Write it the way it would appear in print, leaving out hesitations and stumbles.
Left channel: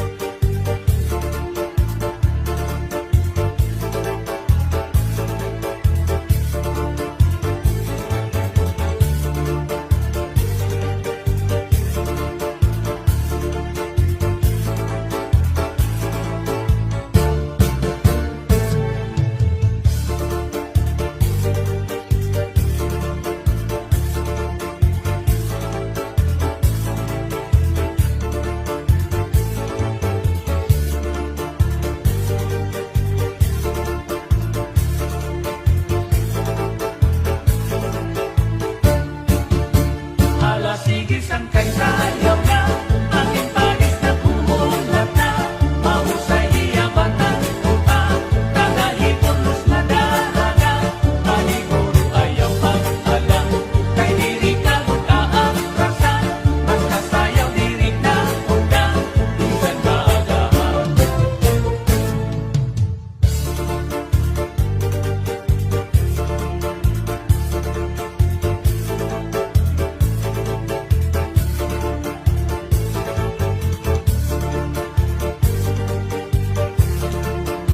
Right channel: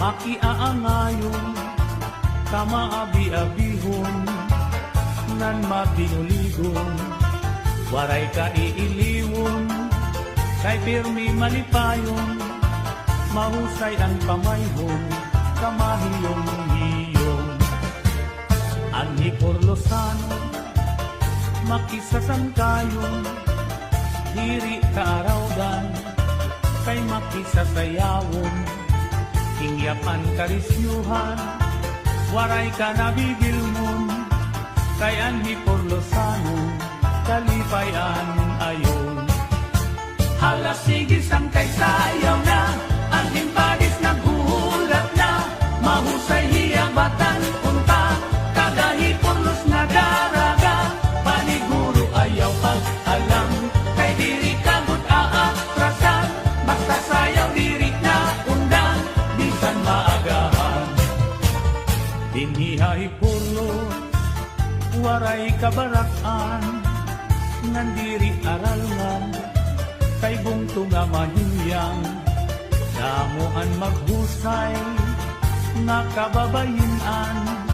makiaangayon, kamaabi-abihon, nan makiuligon, waray ka iiliwon, kay pirmi malipayon, mahusay ang pamayon, kamahiyong-hiyong. Ang hiporlosan, makisasangkayon, diri kaarawan, kay makisasayawon, hingyapan karisyuhan, waray ka nabigilmon, kay ang hiporlosan, kalibayan ayon. Hala sige sang kay sayong